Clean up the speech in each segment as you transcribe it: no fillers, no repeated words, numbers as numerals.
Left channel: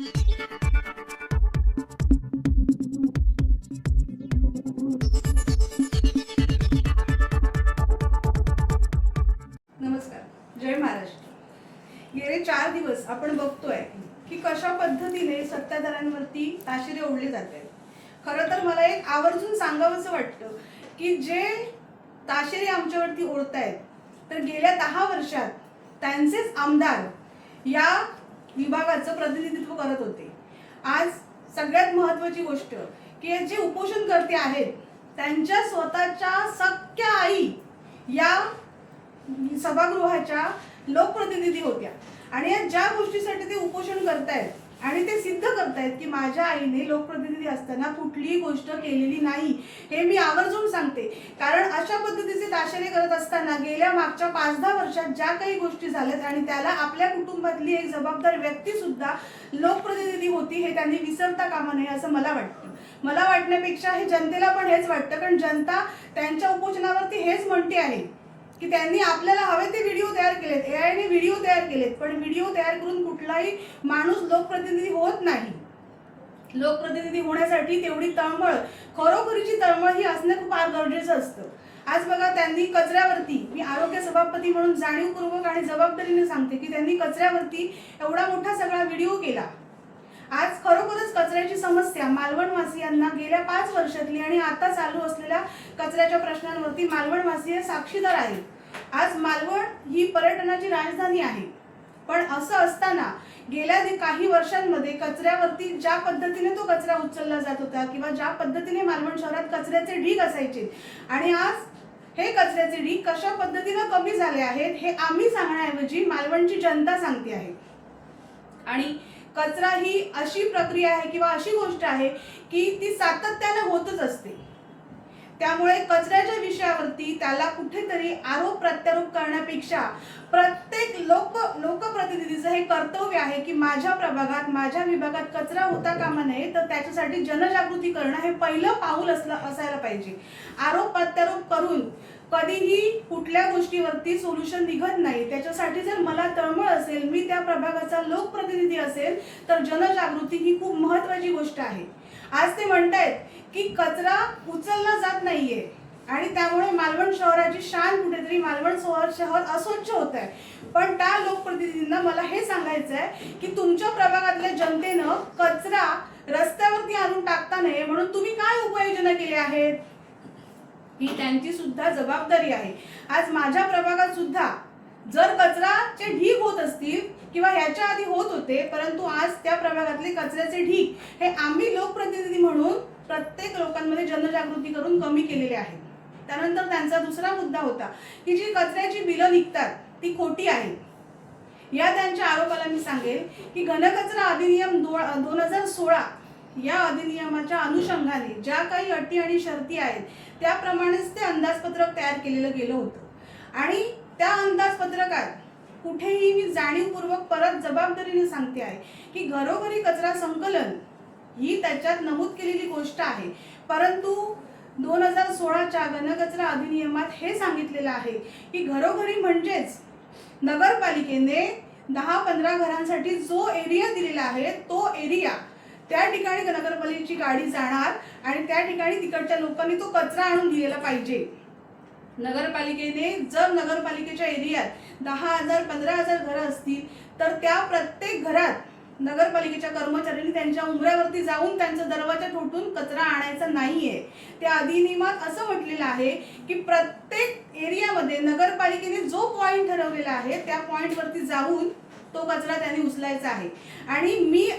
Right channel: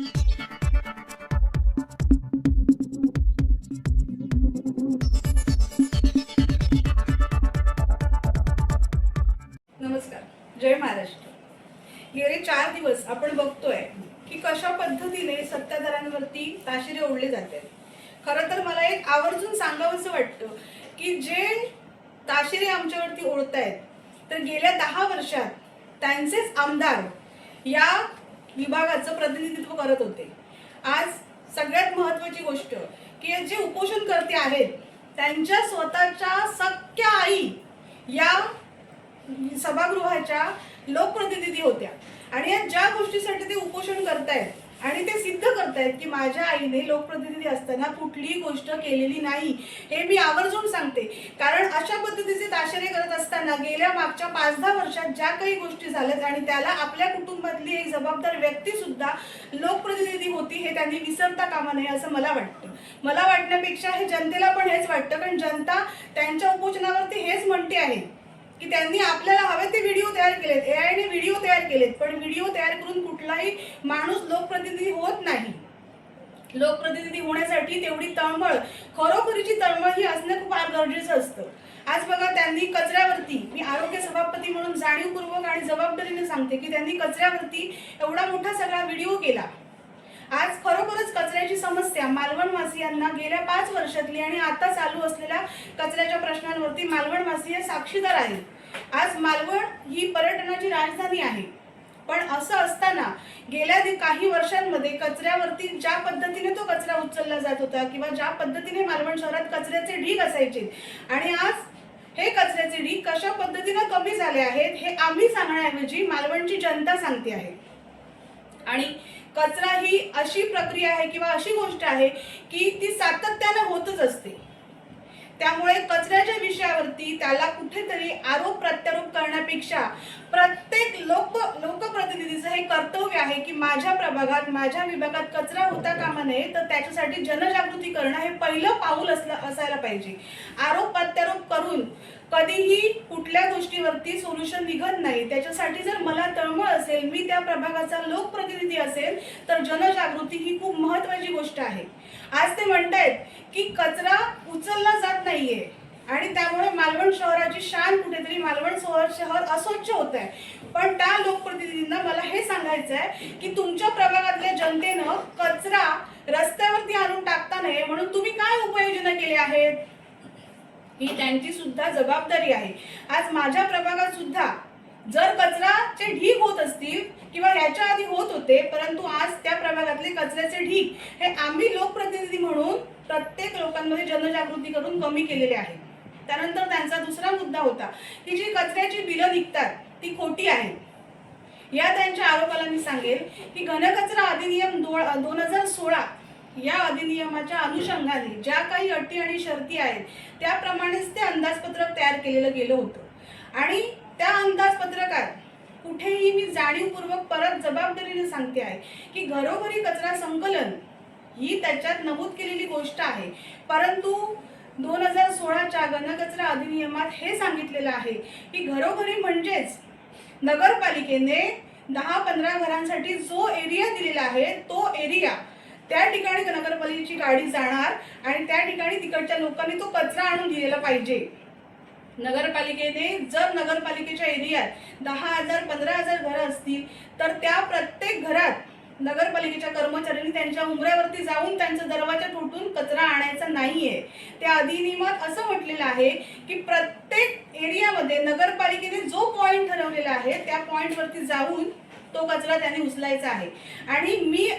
नमस्कार, जय महाराष्ट्र। गेले 4 दिवस आपण बघतोय की कशा पद्धतीने सत्ताधाऱ्यांवरती ताशेरे ओढले जात आहेत। खरं तर मला एक आवर्जून सांगावंसं वाटतं की जे ताशेरे आमच्यावरती ओढतायत तर गेल्या 10 वर्षात त्यांचेच आमदार या विभागाचं प्रतिनिधित्व करत होते। आज सगळ्यात महत्त्वाची गोष्ट की जे उपोषणकर्ते आहेत त्यांच्या स्वतःच्या सख्या आई या सभागृहाच्या लोकप्रतिनिधी होत्या आणि ज्या गोष्टीसाठी ते उपोषण करतायत आणि ते सिद्ध करतायत की माझ्या आईने लोकप्रतिनिधी असताना कुठलीही गोष्ट केलेली नाही, हे मी आवर्जून सांगते। कारण अशा पद्धतीचे ताशेरे करत असताना गेल्या मागच्या 5-10 वर्षात ज्या काही गोष्टी झाल्यात आणि त्याला आपल्या कुटुंबातली एक जबाबदार व्यक्ती सुद्धा लोकप्रतिनिधी होती हे त्यांनी विसरता कामा नये असं मला वाटतं। मला वाटण्यापेक्षा हे जनतेला पण हेच वाटतं, कारण जनता त्यांच्या उपोषणावरती हेच म्हणते आहे की त्यांनी आपल्याला हवे ते व्हिडिओ तयार केलेत, एआयने व्हिडिओ तयार केलेत, पण व्हिडिओ तयार करून कुठलाही माणूस लोकप्रतिनिधी होत नाही। लोकप्रतिनिधी होण्यासाठी तेवढी तळमळ, खरोखरीची तळमळ ही असणं खूप फार गरजेचं असतं। आज बघा, त्यांनी कचऱ्यावरती, मी आरोग्य सभापती म्हणून जाणीवपूर्वक आणि जबाबदारीने सांगते की त्यांनी कचऱ्यावरती एवढा मोठा सगळा व्हिडिओ केला। आज खरोखरच कचऱ्याची समस्या मालवणवासियांना गेल्या 5 वर्षातली आणि आता चालू असलेल्या कचऱ्याच्या प्रश्नांवरती मालवणवासी साक्षीदार आहेत। आज मालवण ही पर्यटनाची राजधानी आहे, पण असं असताना गेल्या काही वर्षांमध्ये कचऱ्यावरती ज्या पद्धतीने तो कचरा उचलला जात होता किंवा ज्या पद्धतीने मालवण शहरात कचऱ्याचे ढीग असायचे आणि आज हे कचऱ्याचे ढीग कशा पद्धतीने कमी झाले आहेत हे आम्ही सांगण्याऐवजी मालवणची जनता सांगते आहे। आणि कचरा ही अशी प्रक्रिया आहे किंवा अशी गोष्ट आहे की ती सातत्याने होतच असते। त्यामुळे कचऱ्याच्या विषयावरती त्याला कुठेतरी आरोप प्रत्यारोप करण्यापेक्षा प्रत्येक लोकप्रतिनिधीचं हे कर्तव्य आहे की माझ्या प्रभागात, माझ्या विभागात कचरा होता कामा नये, तर त्याच्यासाठी जनजागृती करणं हे पहिलं पाऊल असायला पाहिजे। आरोप प्रत्यारोप करून कधीही कुठल्या गोष्टीवरती सोल्युशन निघत नाही। त्याच्यासाठी जर मला तळमळ असेल, मी त्या प्रभागाचा लोकप्रतिनिधी असेल, तर जनजागृती ही खूप महत्त्वाची गोष्ट आहे। आज ते म्हणतायत की कचरा उचलला जात नाहीये आणि त्यामुळे मालवण शहराची शान, कुठेतरी मालवण शहर अस्वच्छ होत आहे। पण त्या लोकप्रतिनिधींना मला हे सांगायचं आहे की तुमच्या प्रभागातल्या जनतेनं कचरा रस्त्यावरती आणून टाकता नये म्हणून तुम्ही काय उपाययोजना केल्या आहेत, ही त्यांची सुद्धा जबाबदारी आहे। आज माझ्या प्रभागात सुद्धा जर कचराचे ढीग होत असतील किंवा ह्याच्या आधी होत होते, परंतु आज त्या प्रभागातले कचऱ्याचे ढीग हे आम्ही लोकप्रतिनिधी म्हणून प्रत्येक लोकांमध्ये जनजागृती करून कमी केलेले आहे। त्यानंतर त्यांचा दुसरा मुद्दा होता की जी कचऱ्याची बिलं निघतात ती खोटी आहेत। या त्यांच्या आरोपाला मी सांगेल की घनकचरा अधिनियम 2016 या अधिनियमाच्या अनुषंगाने ज्या काही अटी आणि शर्ती आहेत त्याप्रमाणेच ते अंदाजपत्रक तयार केलेलं गेलं होतं आणि त्या अंदाजपत्रकात कुठेही मी जाणीवपूर्वक परत जबाबदारीने सांगते आहे की घरोघरी कचरा संकलन ही त्याच्यात नमूद केलेली गोष्ट आहे, परंतु 2016च्या घनकचरा अधिनियमात हे सांगितलेलं आहे की घरोघरी म्हणजेच नगरपालिकेने 10-15 घरांसाठी जो एरिया दिलेला आहे तो एरिया, त्या ठिकाणी नगरपालिकेची गाडी जाणार आणि त्या ठिकाणी तिकडच्या लोकांनी तो कचरा आणून दिलेला पाहिजे। नगरपालिकेने जर नगरपालिकेच्या एरियात 10,000-15,000 घरं असतील तर त्या प्रत्येक घरात नगरपालिकेच्या कर्मचाऱ्यांनी त्यांच्या उंबऱ्यावरती जाऊन त्यांचा दरवाजा ठोठून कचरा आणायचा नाहीये। त्या अधिनियमात असं म्हटलेलं आहे की प्रत्येक एरियामध्ये नगरपालिकेने जो पॉइंट ठरवलेला आहे त्या पॉइंटवरती जाऊन तो कचरा त्यांनी उचलायचा आहे। आणि मी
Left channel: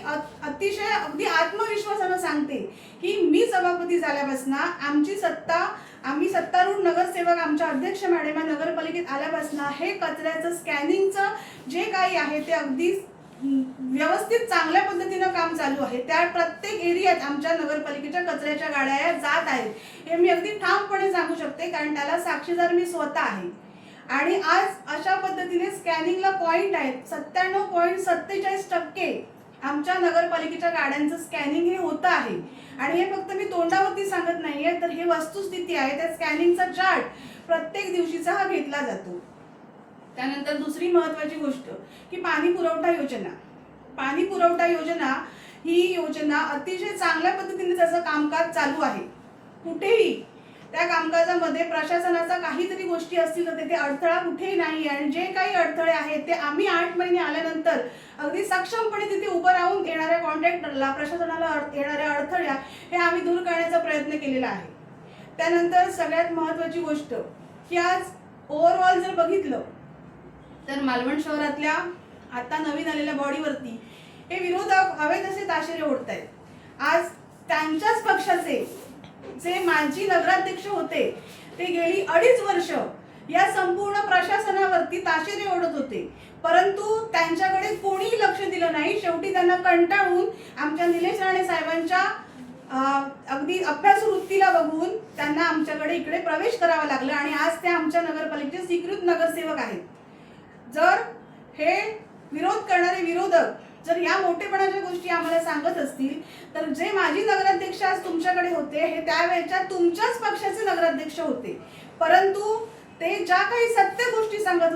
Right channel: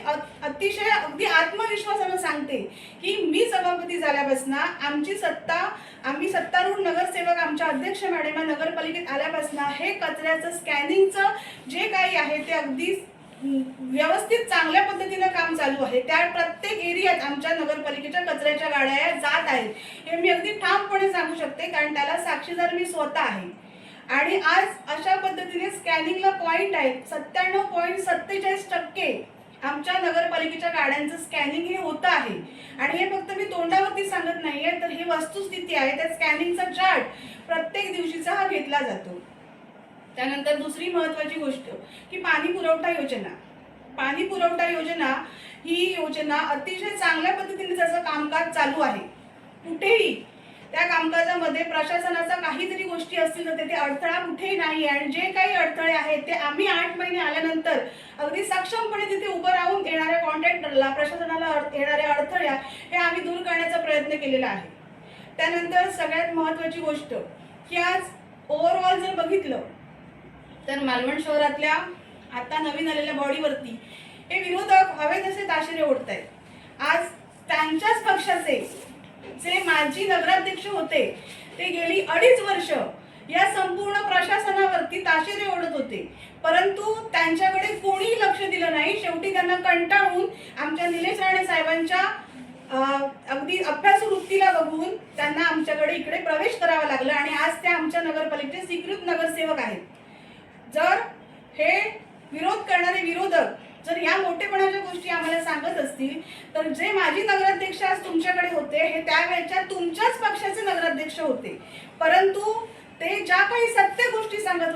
अतिशय अगदी आत्मविश्वासाने सांगते की मी सभापती झाल्यापासून आम्ही सत्तारूढ नगरसेवक आमच्या अध्यक्ष मॅडम नगरपालिकेत आल्यापासून हे कचऱ्याचं स्कॅनिंगचं जे काही आहे ते अगदी व्यवस्थित चांगल्या पद्धतीने काम चालू आहे। त्या प्रत्येक एरियात आमच्या नगरपालिकेच्या कचऱ्याच्या गाड्या जात आहेत, हे मी अगदी ठामपणे सांगू शकते, कारण त्याला साक्षीदार मी स्वतः आहे। आणि आज अशा पद्धतीने स्कॅनिंगला पॉइंट आहेत, 97.47% आमच्या नगरपालिकेच्या गाड्यांचं स्कॅनिंग हे होतं आहे। आणि हे फक्त मी तोंडावरती सांगत नाहीये, तर हे वस्तुस्थिती आहे। त्या स्कॅनिंगचा चार्ट प्रत्येक दिवशीचा हा घेतला जातो। त्यानंतर दुसरी महत्त्वाची गोष्ट की पाणी पुरवठा योजना, पाणी पुरवठा योजना ही योजना अतिशय चांगल्या पद्धतीने त्याचं कामकाज चालू आहे. कुठेही त्या कामकाजामध्ये प्रशासनाचा काहीतरी गोष्टी असतील तर तिथे अडथळा कुठेही नाही. आणि जे काही अडथळे आहेत ते आम्ही 8 महिने आल्यानंतर अगदी सक्षमपणे तिथे उभं राहून येणाऱ्या कॉन्ट्रॅक्टरला, प्रशासनाला येणाऱ्या अडथळ्या हे आम्ही दूर करण्याचा प्रयत्न केलेला आहे. त्यानंतर सगळ्यात महत्त्वाची गोष्ट की आज ओव्हरऑल जर बघितलं तर मालवण शहरातल्या आता नवीन आलेल्या बॉडीवरती हे विरोधक हवे तसे ताशेरे ओढतायत. आज त्यांच्याच पक्षाचे जे माजी नगराध्यक्ष होते ते गेली 2.5 वर्ष या संपूर्ण प्रशासनावरती ताशेरे ओढत होते, परंतु त्यांच्याकडे कोणीही लक्ष दिलं नाही. शेवटी त्यांना कंटाळून आमच्या निलेश राणे साहेबांच्या अगदी अभ्यास वृत्तीला बघून त्यांना आमच्याकडे इकडे प्रवेश करावा लागला आणि आज ते आमच्या नगरपालिकेचे स्वीकृत नगरसेवक आहेत. जर हे विरोध करणारे विरोधक जर या मोठेपणाच्या गोष्टी आम्हाला सांगत असतील तर जे माजी नगराध्यक्ष आज तुमच्याकडे होते हे त्यावेळेच्या तुमच्याच पक्षाचे नगराध्यक्ष होते, परंतु ते ज्या काही सत्य गोष्टी सांगत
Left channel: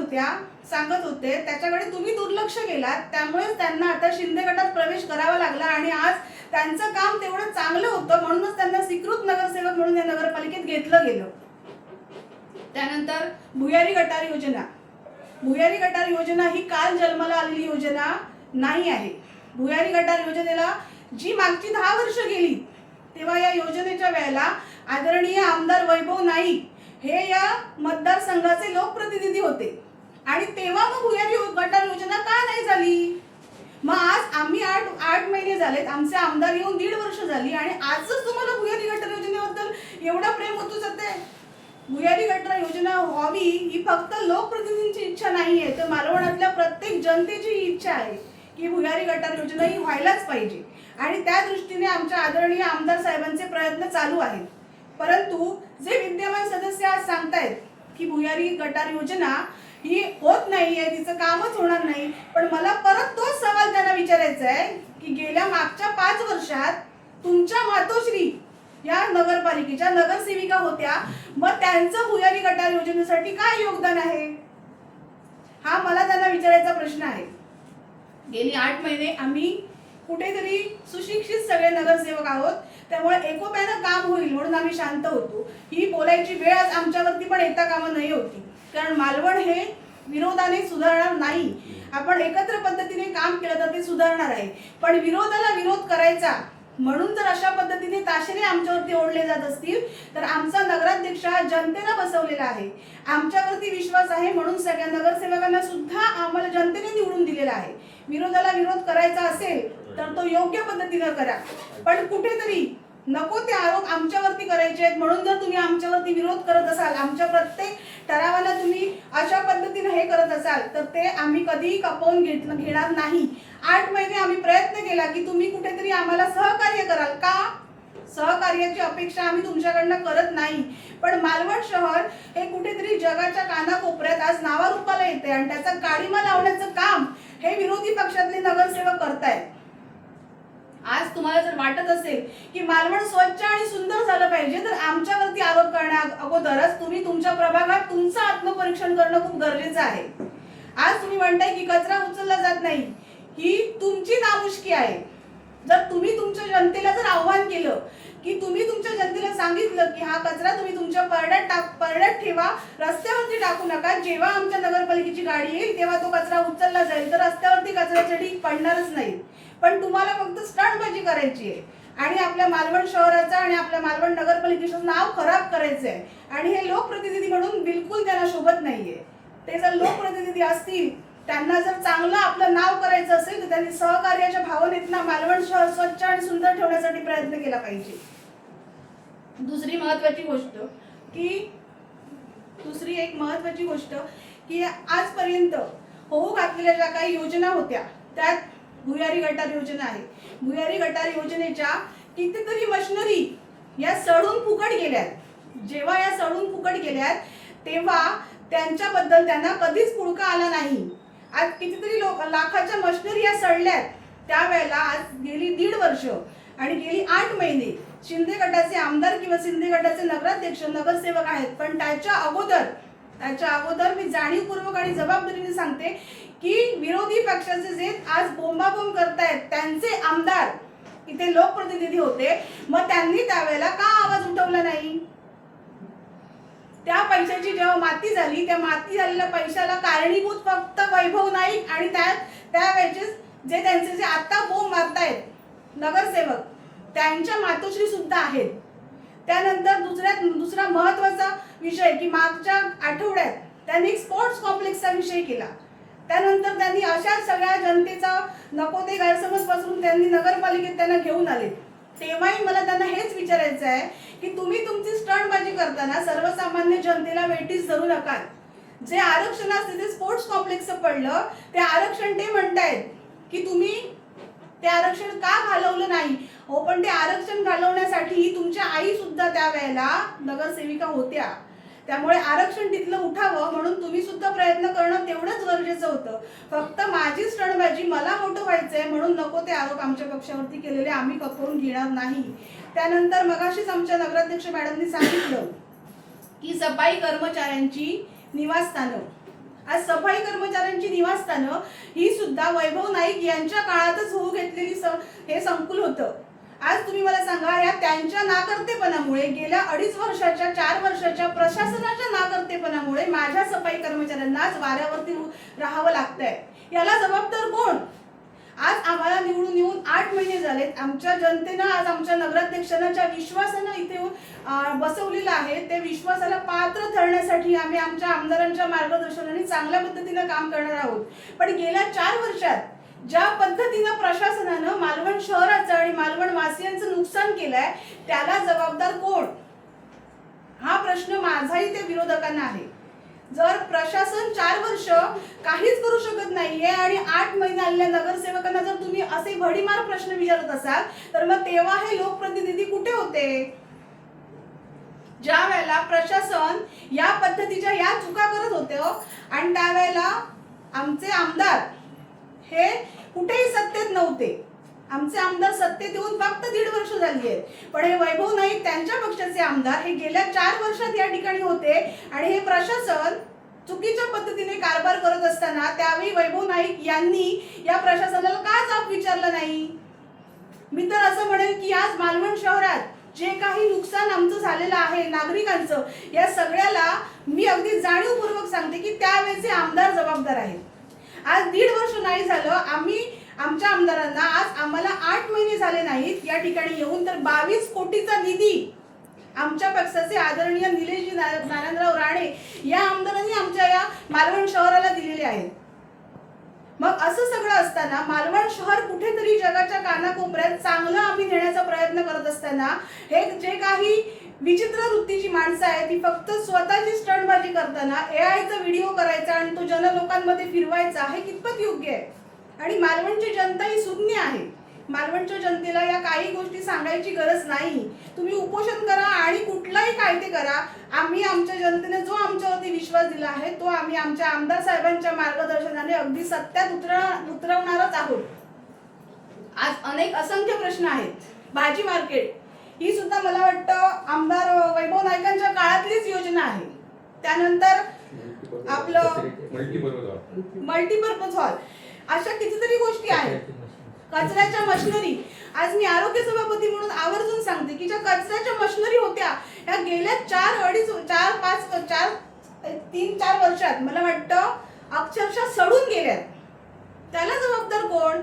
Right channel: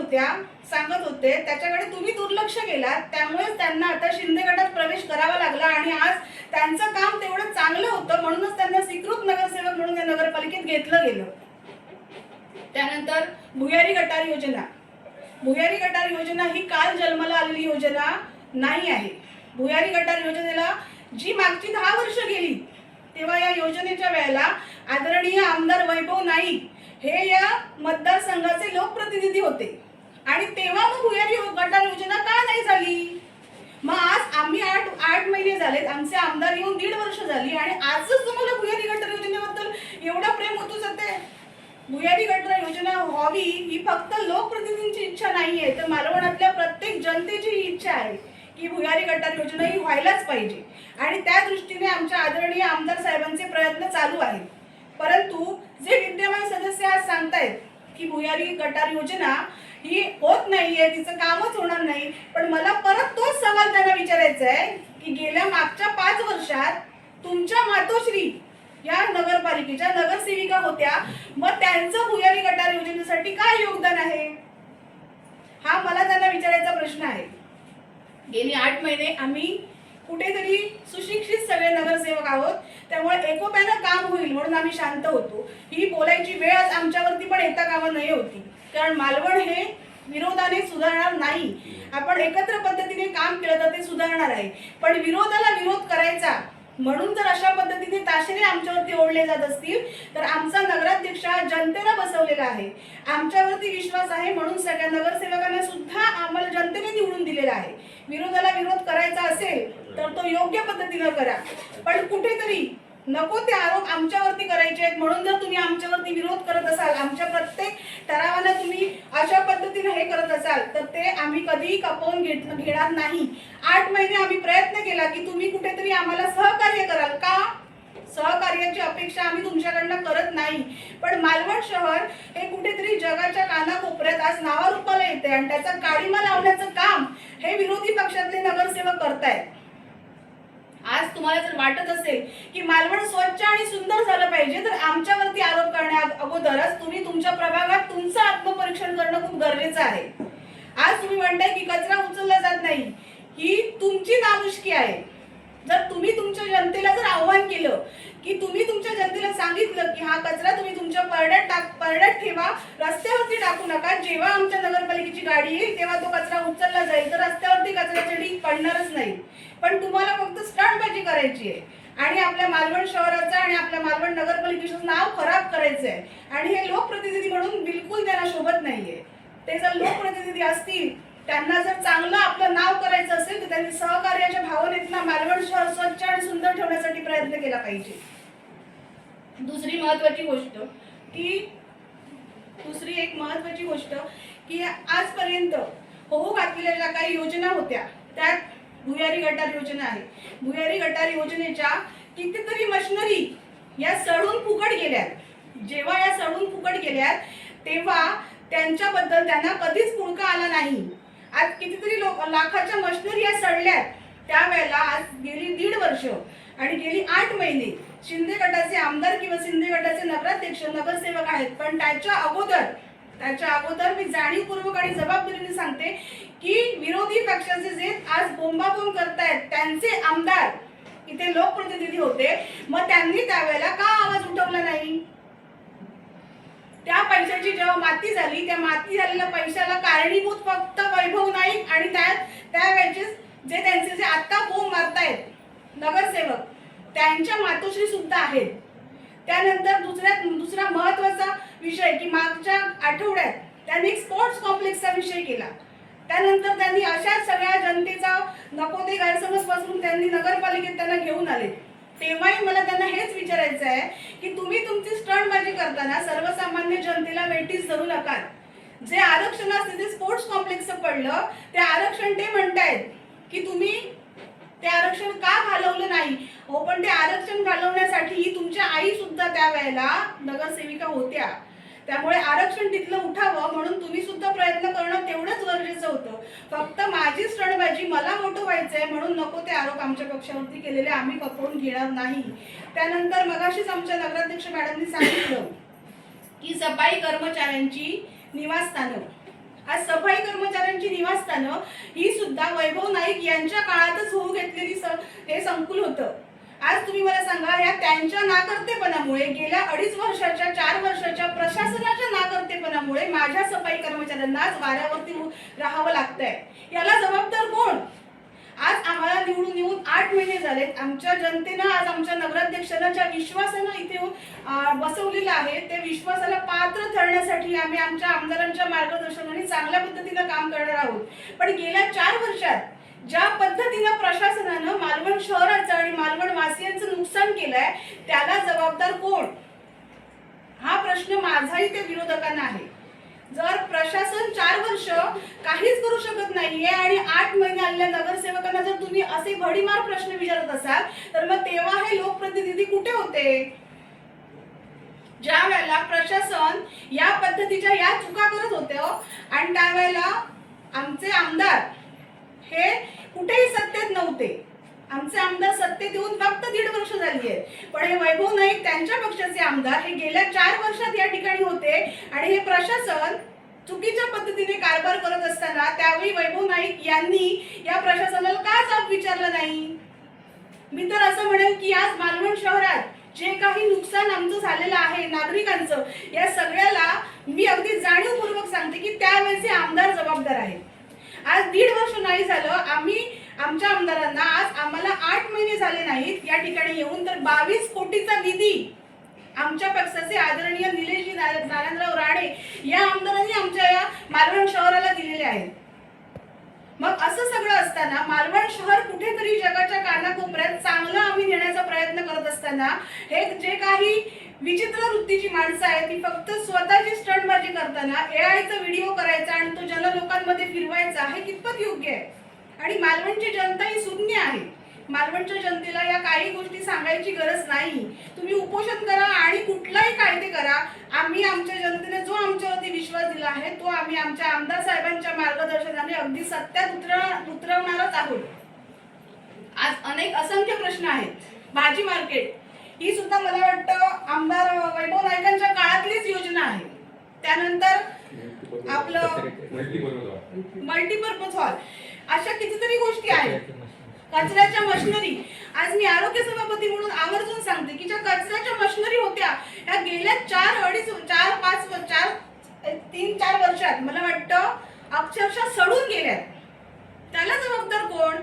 होते त्याच्याकडे तुम्ही दुर्लक्ष केलात. त्यामुळेच त्यांना आता शिंदे गटात प्रवेश करावा लागला आणि आज त्यांचं काम तेवढं चांगलं होतं म्हणूनच त्यांना स्वीकृत नगरसेवक म्हणून या नगरपालिकेत घेतलं गेलं. त्यानंतर भुयारी गटार योजना. भुयारी गटार योजना ही काल जन्माला आलेली योजना नाही आहे. भुयारी गटार योजनेला जी मागची 10 वर्ष गेली तेव्हा या योजनेच्या वेळेला आदरणीय आमदार वैभव नाईक हे या मतदारसंघाचे लोकप्रतिनिधी होते आणि तेव्हा मग भुयारी गटार योजना का नाही झाली? मग आज आम्ही 8 महिने झालेत, आमचे आमदार येऊन 1.5 वर्ष झाली आणि आजच तुम्हाला भुयारी गटार योजनेबद्दल एवढा प्रेम होतो सध्या? भुयारी गटार योजना व्हावी ही फक्त लोकप्रतिनिधींची इच्छा नाहीये, तर मालवणातल्या प्रत्येक जनतेची इच्छा आहे की भुयारी गटार योजना ही व्हायलाच पाहिजे आणि त्या दृष्टीने आमच्या आदरणीय आमदार साहेबांचे प्रयत्न चालू आहेत. परंतु जे विद्यमान सदस्य आज सांगतायत की भुयारी गटार योजना ही होत नाहीये, तिचं कामच होणार नाही, पण मला परत तोच सवाल त्यांना विचारायचा आहे की गेल्या मागच्या 5 वर्षात तुमच्या मातोश्री या नगरपालिकेच्या नगरसेविका होत्या, मग त्यांचं भुयारी गटार योजनेसाठी काय योगदान आहे? हा मला त्यांना विचारायचा प्रश्न आहे. गेली 8 महिने आम्ही कुठेतरी सुशिक्षित सगळे नगरसेवक आहोत, त्यामुळे एकोप्यानं काम होईल म्हणून आम्ही शांत होतो. ही बोलायची वेळ आज आमच्यावरती पण येता कामा नाही होती, कारण मालवण हे विरोधाने सुधारणार नाही. आपण एकत्र पद्धतीने काम केलं तर ते सुधारणार आहे, पण विरोधाला विरोध करायचा म्हणून जर अशा पद्धतीने ताशेरे आमच्यावरती ओढले जात असतील तर आमचा नगराध्यक्ष हा जनतेला बसवलेला आहे, आमच्यावरती विश्वास आहे म्हणून सगळ्या नगरसेवकांना सुद्धा आम्हाला जनतेने निवडून दिलेला आहे. विरोधाला विरोध करायचा असेल तर तो योग्य पद्धतीने करा, पण कुठेतरी नको ते आरोप आमच्यावरती करायचे आहेत म्हणून जर तुम्ही आमच्यावरती विरोध करत असाल, आमच्या प्रत्येक ठरावाला तुम्ही अशा पद्धतीने हे करत असाल तर ते आम्ही कधीही खपवून घेणार नाही. 8 महिने आम्ही प्रयत्न केला की तुम्ही कुठेतरी आम्हाला सहकार्य कराल का? सहकार्याची अपेक्षा आम्ही तुमच्याकडनं करत नाही, पण मालवण शहर हे कुठेतरी जगाच्या कानाकोपऱ्यात आज नावारूपाला येते आणि त्याचा काळीमा लावण्याचं काम हे विरोधी पक्षातले नगरसेवक करतायत. आज तुम्हाला जर वाटत असेल की मालवण स्वच्छ आणि सुंदर झालं पाहिजे तर आमच्यावरती आरोप करण्या अगोदरच तुम्ही तुमच्या प्रभागात तुमचं आत्मपरीक्षण करणं खूप गरजेचं आहे. आज तुम्ही म्हणताय की कचरा उचलला जात नाही, ही तुमची नामुष्की आहे. जर तुम्ही तुमच्या जनतेला जर आव्हान केलं की तुम्ही तुमच्या जनतेला सांगितलं की हा कचरा तुम्ही तुमच्या परड्यात ठेवा, रस्त्यावरती टाकू नका, जेव्हा आमच्या नगरपालिकेची गाडी येईल तेव्हा तो कचरा उचलला जाईल, तर रस्त्यावरती कचऱ्याचे ढीग पडणारच नाही. पण तुम्हाला फक्त स्टंटबाजी करायची आहे आणि आपल्या मालवण शहराचं आणि आपल्या मालवण नगरपालिकेचं नाव खराब करायचं आहे आणि हे लोकप्रतिनिधी म्हणून बिलकुल त्यांना शोभत नाहीये. ते जर लोकप्रतिनिधी असतील, त्यांना जर चांगलं आपलं नाव करायचं असेल तर त्यांनी सहकार्याच्या भावनेतनं मालवण शहर स्वच्छ आणि सुंदर ठेवण्यासाठी प्रयत्न केला पाहिजे. दुसरी एक महत्वाची गोष्ट की आजपर्यंत होऊ घातलेल्या ज्या काही योजना होत्या त्यात भुयारी गटार योजना आहे. भुयारी गटार योजनेच्या कितीतरी मशिनरी या सडून फुकट गेल्यात. जेव्हा या सडून फुकट गेल्यात तेव्हा त्यांच्याबद्दल त्यांना कधीच पुळका आला नाही. आज कितीतरी लाखाच्या मशिनरी या सडल्यात, त्यावेळेला आज गेली 1.5 वर्ष आणि गेली 8 महिने शिंदे गटाचे आमदार किंवा शिंदे गटाचे नगराध्यक्ष नगरसेवक आहेत, पण त्याच्या अगोदर मी जाणीवपूर्वक आणि जबाबदारीने सांगते की विरोधी पक्षाचे जे आज बोंबाबोंब करतायत त्यांचे आमदार इथे लोकप्रतिनिधी होते, मग त्यांनी त्यावेळेला का आवाज उठवला नाही? त्या पैशाची जेव्हा माती झाली, त्या माती झालेल्या पैशाला कारणीभूत फक्त वैभव नाईक आणि त्यावेळेचे जे त्यांचे जे आता बोंब मारतायत नगरसेवक त्यांच्या मातोश्री सुद्धा आहेत. त्यानंतर दुसरा महत्वाचा विषय की मागच्या आठवड्यात त्यांनी स्पोर्ट्स कॉम्प्लेक्सचा विषय केला. त्यानंतर त्यांनी अशा सगळ्या जनतेचा नको ते गैरसमज पसरून त्यांनी नगरपालिकेत त्यांना घेऊन आले. तेव्हाही मला त्यांना हेच विचारायचं आहे की तुम्ही तुमची स्टंटबाजी करताना सर्वसामान्य जनतेला वेठीस धरू नका. जे आरक्षणास तिथे स्पोर्ट्स कॉम्प्लेक्सचं पडलं ते आरक्षण ते म्हणतायत की तुम्ही ते आरक्षण का घालवलं नाही. हो, पण ते आरक्षण घालवण्यासाठी तुमच्या आई सुद्धा त्यावेळेला नगरसेविका होत्या. त्यामुळे आरक्षण तिथलं उठावं म्हणून तुम्ही सुद्धा प्रयत्न करणं तेवढंच गरजेचं होतं. फक्त माझी स्टंटबाजी मला मोठं व्हायचंय म्हणून नको ते आरोप आमच्या पक्षावरती केलेले आम्ही खपवून घेणार नाही. त्यानंतर मगाशीच आमच्या नगराध्यक्ष मॅडमनी सांगितलं की सफाई कर्मचाऱ्यांची निवासस्थानं, आज सफाई कर्मचाऱ्यांची निवासस्थानं ही सुद्धा वैभव नाईक यांच्या काळातच होऊ घेतलेली हे संकुल होतं. आज तुम्ही मला सांगा, या त्यांच्या नाकर्तेपणामुळे गेल्या 2.5 वर्षाच्या 4 वर्षाच्या प्रशासनाच्या नाकर्तेपणामुळे माझ्या सफाई कर्मचाऱ्यांना आज वाऱ्यावरती राहावं लागतंय. याला जबाबदार कोण? आज आम्हाला निवडून येऊन 8 महिने झालेत. आमच्या जनतेनं आज आमच्या नगराध्यक्षांना ज्या विश्वासानं इथे बसवलेलं आहे ते विश्वासाला पात्र ठरण्यासाठी आम्ही आमच्या आमदारांच्या मार्गदर्शनाने चांगल्या पद्धतीनं काम करणार आहोत. पण गेल्या 4 वर्षात ज्या पद्धतीनं प्रशासनानं मालवण शहराचं आणि मालवण वासियांचं नुकसान केलंय त्याला जबाबदार कोण? हा प्रश्न माझाही ते विरोधकांना आहे. जर प्रशासन 4 वर्ष काहीच करू शकत नाहीये आणि 8 महिने आलेल्या नगरसेवकांना जर तुम्ही असे भडीमार प्रश्न विचारत असाल तर मग तेव्हा हे लोकप्रतिनिधी कुठे होते? ज्या वेळेला प्रशासन या पद्धतीच्या या चुका करत होते आणि त्यावेळेला आमचे आमदार हे कुठेही सत्तेत नव्हते. आमचे आमदार सत्तेत येऊन फक्त 1.5 वर्ष झाली आहेत. पण हे वैभव नाईक त्यांच्या पक्षाचे आमदार हे गेल्या 4 वर्षात या ठिकाणी होते आणि हे प्रशासन चुकीच्या पद्धतीने कारभार करत असताना त्यावेळी वैभव नाईक यांनी या प्रशासनाला का जाब विचारलं नाही? मी तर असं म्हणेन की आज मालवण शहरात जे काही नुकसान आमचं झालेलं आहे नागरिकांचं, या सगळ्याला मी अगदी जाणीवपूर्वक सांगते की त्यावेळेचे आमदार जबाबदार आहेत. आज 1.5 वर्ष नाही झालं, आम्ही आमच्या आमदारांना आज आम्हाला 8 महिने झाले नाहीत या ठिकाणी येऊन तर 22 कोटीचा निधी आमच्या पक्षाचे आदरणीय निलेशजी नारायणराव राणे या आमदारांनी आमच्या या मालवण शहराला दिलेले आहेत. मग असं सगळं असताना मालवण शहर कुठेतरी जगाच्या कानाकोपऱ्यात चांगलं आम्ही नेण्याचा प्रयत्न करत असताना हे जे काही विचित्र वृत्तीची माणसं आहेत ती फक्त स्वतःची स्टंटबाजी करताना एआयचा व्हिडिओ करायचा आणि तो जनलोकांमध्ये फिरवायचा हे कितपत योग्य आहे? आणि मालवणची जनता ही सुज्ञ आहे. मालवणच्या जनतेला या काही गोष्टी सांगायची गरज नाही. तुम्ही उपोषण करा आणि कुठलाही कायदे करा. आम्ही आमच्या जनतेने जो आमच्यावरती विश्वास दिला आहे तो आम्ही आमच्या आमदार साहेबांच्या मार्गदर्शनाने अगदी सत्यात उतरवणारच आहोत. आज अनेक असंख्य प्रश्न आहेत. भाजी मार्केट ही सुद्धा मला वाटतं आमदार वैभव नाईकांच्या काळातलीच योजना आहे. त्यानंतर आपलं मल्टीपर्पज हॉल, अशा कितीतरी गोष्टी आहेत. कचऱ्याच्या मशिनरी, आज मी आरोग्य सभापती म्हणून आवर्जून सांगते की ज्या कचऱ्याच्या मशिनरी होत्या या गेल्या 3-4 वर्षात मला वाटतं अक्षरशः सडून गेल्या. त्याला जबाबदार कोण?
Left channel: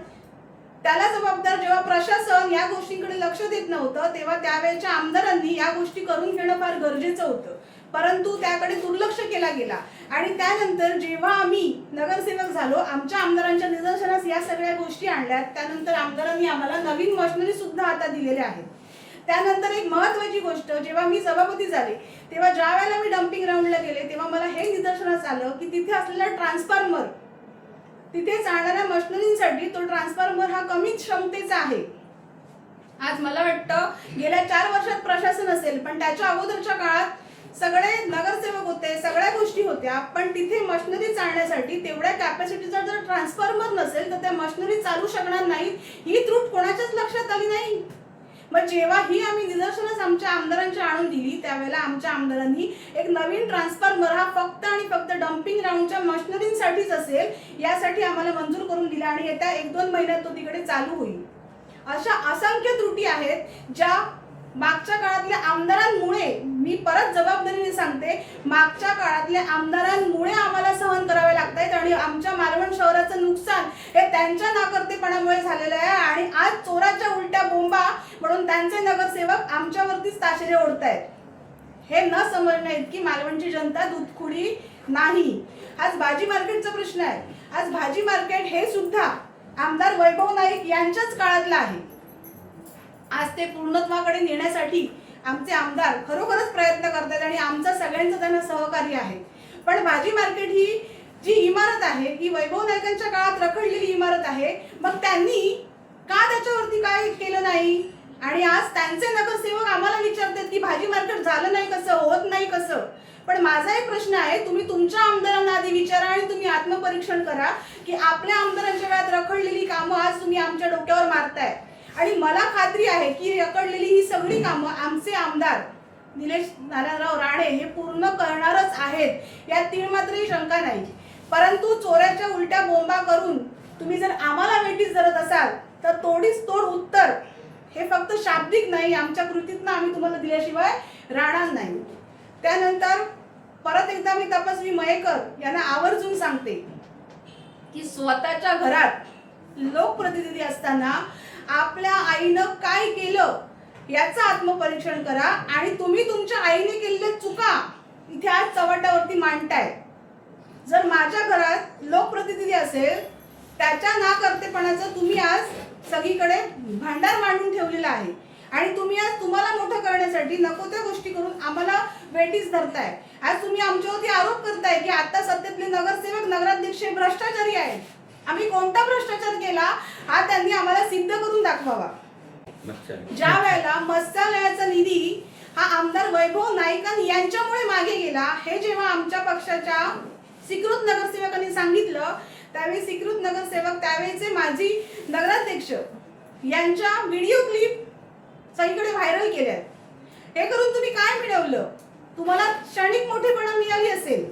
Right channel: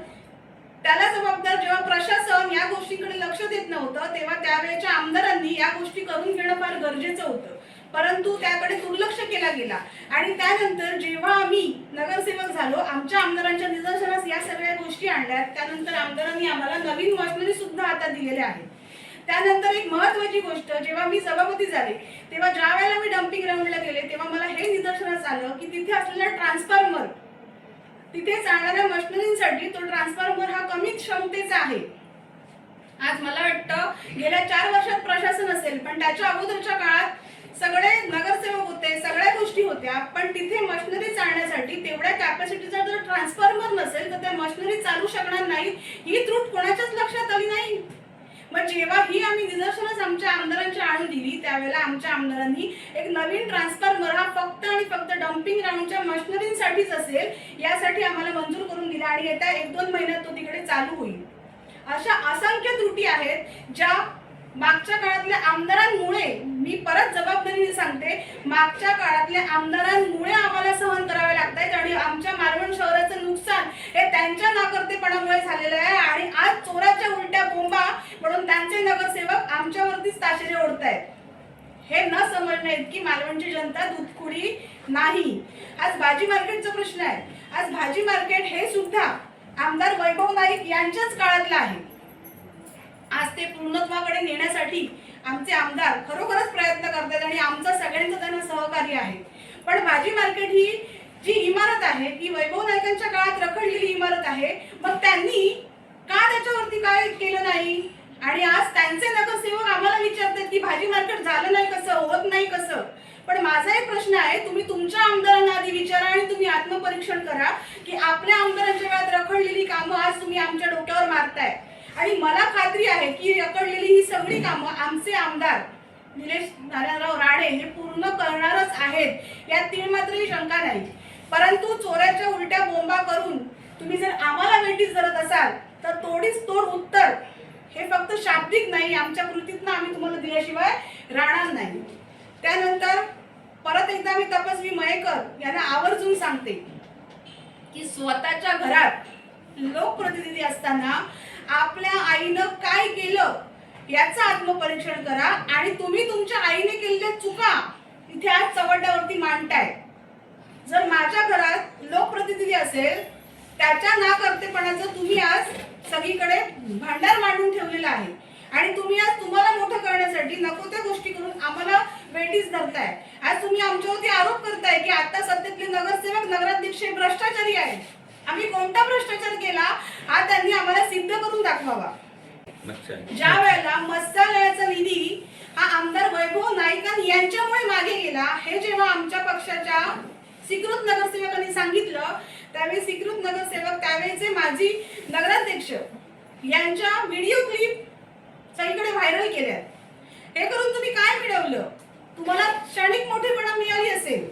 त्याला जबाबदार जेव्हा प्रशासन या गोष्टींकडे लक्ष देत नव्हतं तेव्हा त्यावेळेच्या आमदारांनी या गोष्टी करून घेणं फार गरजेचं होतं. परंतु त्याकडे दुर्लक्ष केला गेला आणि त्यानंतर जेव्हा आम्ही नगरसेवक झालो आमच्या आमदारांच्या निदर्शनास या सगळ्या गोष्टी आणल्या. त्यानंतर आमदारांनी आम्हाला नवीन मशिनरी सुद्धा आता दिलेल्या आहेत. त्यानंतर एक महत्त्वाची गोष्ट, जेव्हा मी सभापती झाले तेव्हा ज्या वेळेला मी डम्पिंग ग्राउंडला गेले तेव्हा मला हे निदर्शनास आलं की तिथे असलेला ट्रान्सफॉर्मर, तिथे चालणाऱ्या मशिनरींसाठी तो ट्रान्सफॉर्मर हा कमी क्षमतेचा आहे. आज मला वाटतं गेल्या 4 वर्षात प्रशासन असेल पण त्याच्या अगोदरच्या काळात सगळे नगरसेवक होते, सगळ्या गोष्टी होत्या, पण तिथे मशिनरी चालण्यासाठी तेवढ्या कॅपॅसिटीचा जर ट्रान्सफॉर्मर नसेल तर त्या मशिनरी चालू शकणार नाही. ही त्रुट कोणाच्याच लक्षात आली नाही. मग जेव्हा ही आम्ही निदर्शनच आमच्या आमदारांची आणून दिली त्यावेळेला आमच्या आमदारांनी एक नवीन ट्रान्सफॉर्मर हा फक्त आणि फक्त डम्पिंग ग्राउंडच्या मशिनरींसाठीच असेल यासाठी आम्हाला मंजूर करून दिला आणि येत्या 1-2 महिन्यात तो तिकडे चालू होईल. अशा असंख्य त्रुटी आहेत ज्या मागच्या काळातल्या आमदारांमुळे, मी परत जबाबदारीने सांगते, मागच्या काळातल्या आमदारांमुळे आम्हाला सहन करावे लागतात आणि आमच्या मालवण शहराचं नुकसान हे त्यांच्या नाकर्तेपणामुळे झालेलं आहे. आणि आज चोराच्या उलट्या बोंबा म्हणून त्यांचे नगरसेवक आमच्यावरतीच ताशेरे ओढतायत. हे न समजण्या इतकी मालवणची जनता दूधखुडी नाही. आज भाजी मार्केटचा प्रश्न आहे. आज भाजी मार्केट हे सुद्धा आमदार वैभव नाईक यांच्याच काळातलं आहे. आज ते पूर्णत्वाकडे नेण्यासाठी आमचे आमदार खरोखरच प्रयत्न करतात आणि आमचं सगळ्यांचं त्यांना सहकार्य आहे. पण भाजी मार्केट ही जी इमारत आहे ती वैभव नाईकांच्या काळात रखडलेली इमारत आहे. मग त्यांनी का त्याच्यावरती काय केलं नाही? आणि आज त्यांचे नगरसेवक आम्हाला विचारतात की भाजी मार्केट झालं नाही कसं, होत नाही कसं. पण माझा एक प्रश्न आहे, तुम्ही तुमच्या आमदारांना आधी विचारा आणि तुम्ही आत्मपरीक्षण करा की आपल्या आमदारांच्या काळात रखडलेली कामं आज तुम्ही आमच्या डोक्यावर मारताय. आणि मला खात्री आहे की रखडलेली ही सगळी कामं आमचे आमदार निलेश नारायणराव राणे हे पूर्ण करणारच आहेत, यात तीळमात्रही शंका नाही. परंतु चोऱ्याच्या उलट्या बोंबा करून तुम्ही जर आम्हाला वेठीस धरत असाल तर तोडीस तोड उत्तर हे फक्त शाब्दिक नाही, आमच्या कृतीतनं आम्ही तुम्हाला दिल्याशिवाय राहणार नाही. त्यानंतर परत एकदा मी तपस्वी मयेकर यांना आवर्जून सांगते की स्वतःच्या घरात लोकप्रतिनिधी असताना आपल्या आईनं काय केलं याचं आत्मपरीक्षण करा आणि तुम्ही तुमच्या आईने केलेल्या चुका इथे आज चव्हाट्यावरती मांडताय. जर माझ्या घरात लोकप्रतिनिधी असेल त्याच्या नाकर्तेपणाचं तुम्ही आज सगळीकडे भांडार मांडून ठेवलेला आहे आणि तुम्ही आज तुम्हाला मोठं करण्यासाठी नको त्या गोष्टी करून आम्हाला वेठीस धरताय. आज तुम्ही आमच्यावरती आरोप करताय की आता सत्तेतले नगरसेवक नगराध्यक्ष भ्रष्टाचारी आहेत. आम्ही कोणता भ्रष्टाचार केला हा त्यांनी आम्हाला सिद्ध करून दाखवावा. ज्या वेळेला मत्स्यालयाचा निधी हा आमदार वैभव नाईकांनी यांच्यामुळे मागे गेला हे जेव्हा आमच्या पक्षाच्या स्वीकृत नगरसेवकांनी सांगितलं त्यावेळी स्वीकृत नगरसेवक त्यावेळेचे माजी नगराध्यक्ष यांच्या व्हिडिओ क्लिप सगळीकडे व्हायरल केल्या. हे करून तुम्ही काय मिळवलं? तुम्हाला क्षणिक मोठेपणा मिळाली असेल,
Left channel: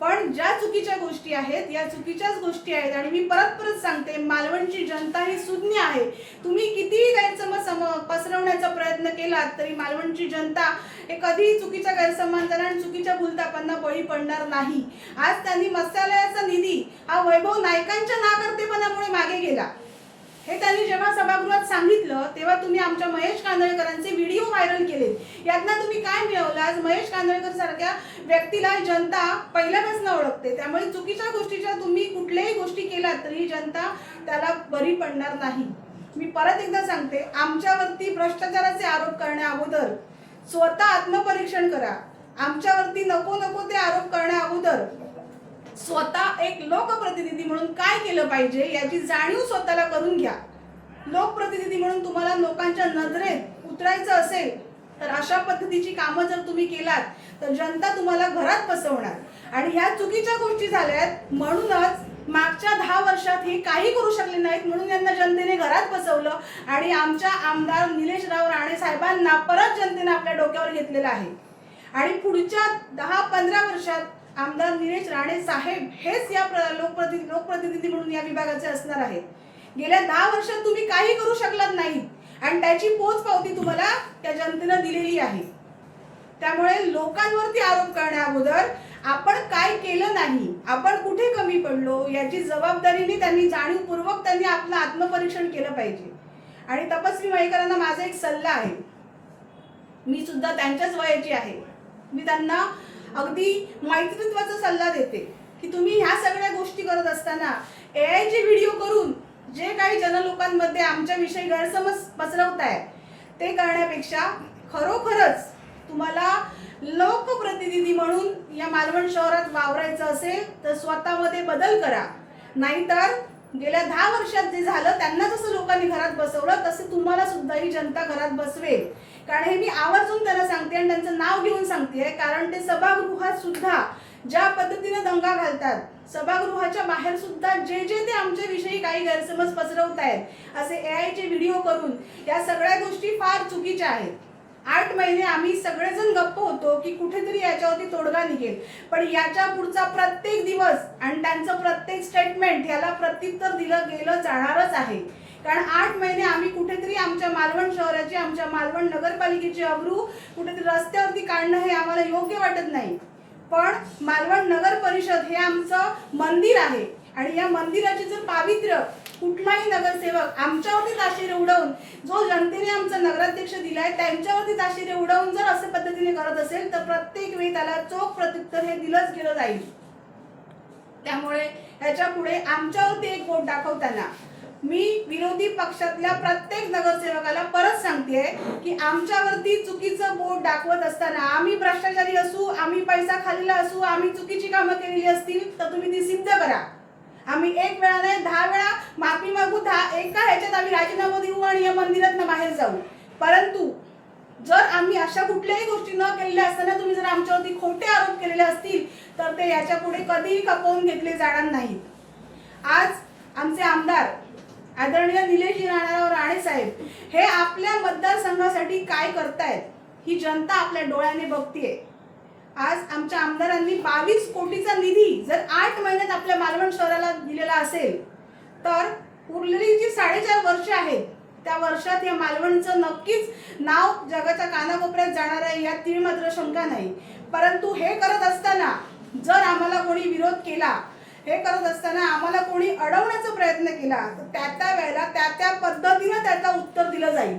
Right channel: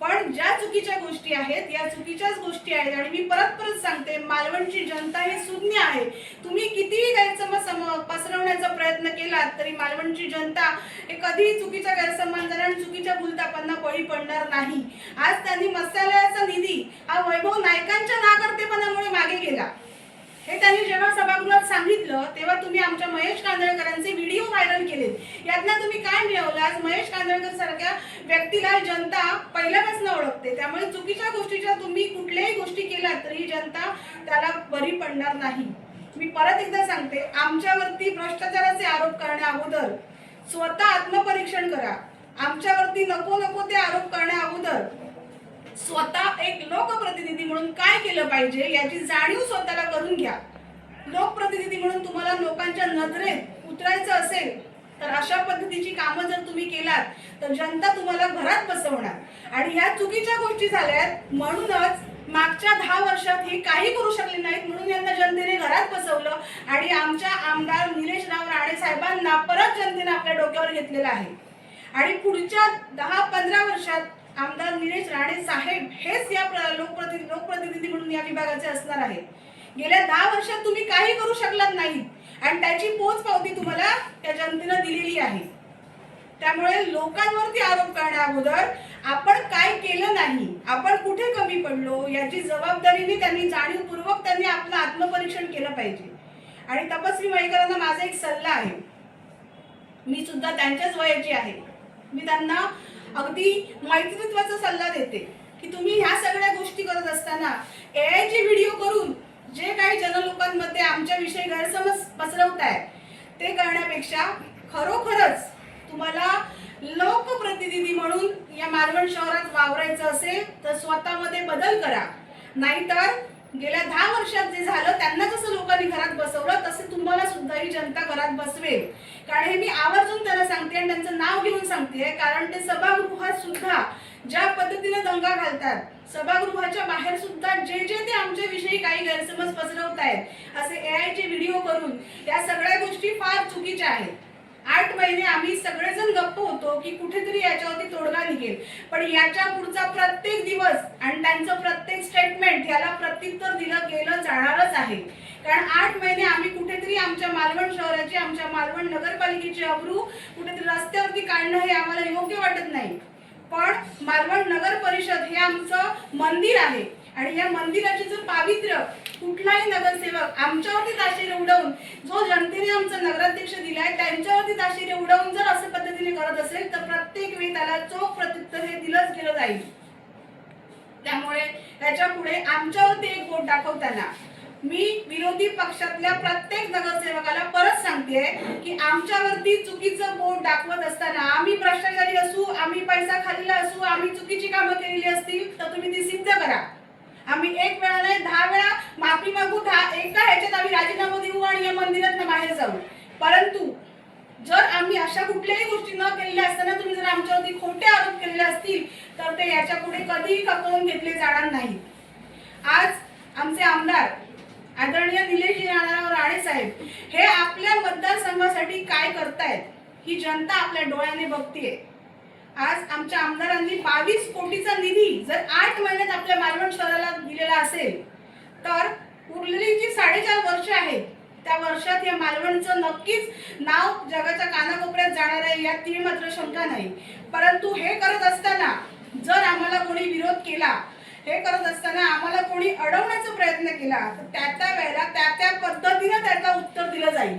पण ज्या चुकीच्या गोष्टी आहेत या चुकीच्याच गोष्टी आहेत. आणि मी परत सांगते, मालवणची जनता ही सुज्ञ आहे. तुम्ही कितीही गैरसमज पसरवण्याचा प्रयत्न केलात तरी मालवणची जनता हे कधीही चुकीच्या गैरसमजांना आणि चुकीच्या भूलथापांना बळी पडणार नाही. आज त्यांनी मत्स्यालयाचा निधी हा वैभव नाईकांच्या नाकर्तेपणामुळे मागे गेला हे त्यांनी जेव्हा सभागृहात सांगितलं तेव्हा तुम्ही आमच्या महेश कांदळकरांचे व्हिडिओ व्हायरल केले. यातनं तुम्ही काय मिळवलं? आज महेश कांदळकर सारख्या व्यक्तीला जनता पहिल्यापासून ओळखते. त्यामुळे चुकीच्या गोष्टीच्या तुम्ही कुठल्याही गोष्टी केल्यात तरी जनता त्याला बरी पडणार नाही. मी परत एकदा सांगते, आमच्यावरती भ्रष्टाचाराचे आरोप करण्या अगोदर स्वतः आत्मपरीक्षण करा. आमच्यावरती नको ते आरोप करण्या अगोदर स्वतः एक लोकप्रतिनिधी म्हणून काय केलं पाहिजे याची जाणीव स्वतःला करून घ्या. लोकप्रतिनिधी म्हणून तुम्हाला लोकांच्या नजरेत उतरायचं असेल तर अशा पद्धतीची कामं जर तुम्ही केलात तर जनता तुम्हाला घरात बसवणार. आणि ह्या चुकीच्या गोष्टी झाल्यात म्हणूनच मागच्या 10 वर्षात हे काही करू शकले नाहीत म्हणून यांना जनतेने घरात बसवलं आणि आमच्या आमदार निलेशराव राणे साहेबांना परत जनतेने आपल्या डोक्यावर घेतलेलं आहे. आणि पुढच्या 10-15 वर्षात आमदार निलेश राणे साहेब हेच या लोकप्रतिनिधी म्हणून या विभागाचे असणार आहेत. गेल्या 10 वर्षात तुम्ही काही करू शकलात नाही आणि त्याची पोचपावती तुम्हाला त्या जनतेने दिलेली आहे. त्यामुळे लोकांवरती आरोप करण्या अगोदर आपण काय केलं नाही, आपण कुठे कमी पडलो याची जबाबदारीने त्यांनी जाणीवपूर्वक त्यांनी आपलं आत्मपरीक्षण केलं पाहिजे. आणि तपस्वी मयेकरांना माझा एक सल्ला आहे, मी सुद्धा त्यांच्याच वयाची आहे. मी त्यांना अगदी मैत्रीत्वाचा सल्ला देते की तुम्ही ह्या सगळ्या गोष्टी करत असताना एआयचे व्हिडिओ करून जे काही जनलोकांमध्ये आमच्याविषयी गैरसमज पसरवताय ते करण्यापेक्षा खरोखरच तुम्हाला लोकप्रतिनिधी म्हणून या मालवण शहरात वावरायचं असेल तर स्वतःमध्ये बदल करा. नाहीतर गेल्या 10 वर्षात जे झालं त्यांना जसं लोकांनी घरात बसवलं तसं तुम्हाला सुद्धा ही जनता घरात बसवेल. कारण हे मी आवर्जून त्यांना सांगते आणि त्यांचं नाव घेऊन सांगते कारण ते सभागृहात सुद्धा ज्या पद्धतीने दंगा घालतात, सभागृहाच्या बाहेर सुद्धा जे जे ते आमच्या विषयी काही गैरसमज पसरवतायत असे AI चे व्हिडिओ करून, या सगळ्या गोष्टी फार चुकीच्या आहेत. 8 महिने आम्ही सगळेजण गप्प होतो की कुठेतरी याच्यावरती तोडगा निघेल, पण याच्या पुढचा प्रत्येक दिवस आणि त्यांचं प्रत्येक स्टेटमेंट याला प्रत्युत्तर दिलं गेलं जाणारच आहे. कारण 8 महिने आम्ही कुठेतरी आमच्या मालवण शहराची, आमच्या मालवण नगरपालिकेची अब्रू कुठेतरी रस्त्यावरती काढणं हे आम्हाला योग्य वाटत नाही. पण मालवण नगर परिषद हे आमचं मंदिर आहे आणि या मंदिराचे जर पावित्र्य कुठलाही नगरसेवक आमच्यावरती ताशेरे उडवून, जो जनतेने आमचा नगराध्यक्ष दिलाय त्यांच्यावरती ताशेरे उडवून जर असं पद्धतीने करत असेल तर प्रत्येक वेळी त्याला चोख प्रत्युत्तर हे दिलंच गेलं जाईल. त्यामुळे ह्याच्या पुढे आमच्यावरती एक बोट दाखवताना मी विरोधी पक्षातल्या प्रत्येक नगरसेवकाला परत सांगते की आमच्यावरती चुकीचं बोट दाखवत असताना, आम्ही भ्रष्टाचारी असू, आम्ही पैसा खाल्लेला असू, आम्ही चुकीची कामं केलेली असतील तर तुम्ही ती सिद्ध करा. आम्ही 1 वेळा नाही 10 वेळा माफी मागू, एका ह्याच्यात आम्ही राजीनामा देऊ आणि या मंदिरातनं बाहेर जाऊ. परंतु जर आम्ही अशा कुठल्याही गोष्टी न केलेल्या असताना तुम्ही जर आमच्यावरती खोटे आरोप केलेले असतील तर ते याच्या पुढे कधीही खपवून घेतले जाणार नाहीत. आज आमचे आमदार आदरणीय निलेशजी राणाराव राणे साहेब हे आपल्या मतदारसंघासाठी काय करतायत ही जनता आपल्या डोळ्याने बघतीये. आज आमच्या आमदारांनी 22 कोटीचा निधी जर 8 महिन्यात आपल्या मालवण शहराला दिलेला असेल तर उरलेली जी 4.5 वर्ष आहेत त्या वर्षात या मालवणचं नक्कीच नाव जगाच्या कानाकोपऱ्यात जाणार आहे, यात ती मात्र शंका नाही. परंतु हे करत असताना जर आम्हाला कोणी विरोध केला, हे करत असताना आम्हाला कोणी अडवण्याचा प्रयत्न केला तर त्या वेळेला त्या पद्धतीने त्याचं उत्तर दिलं जाईल.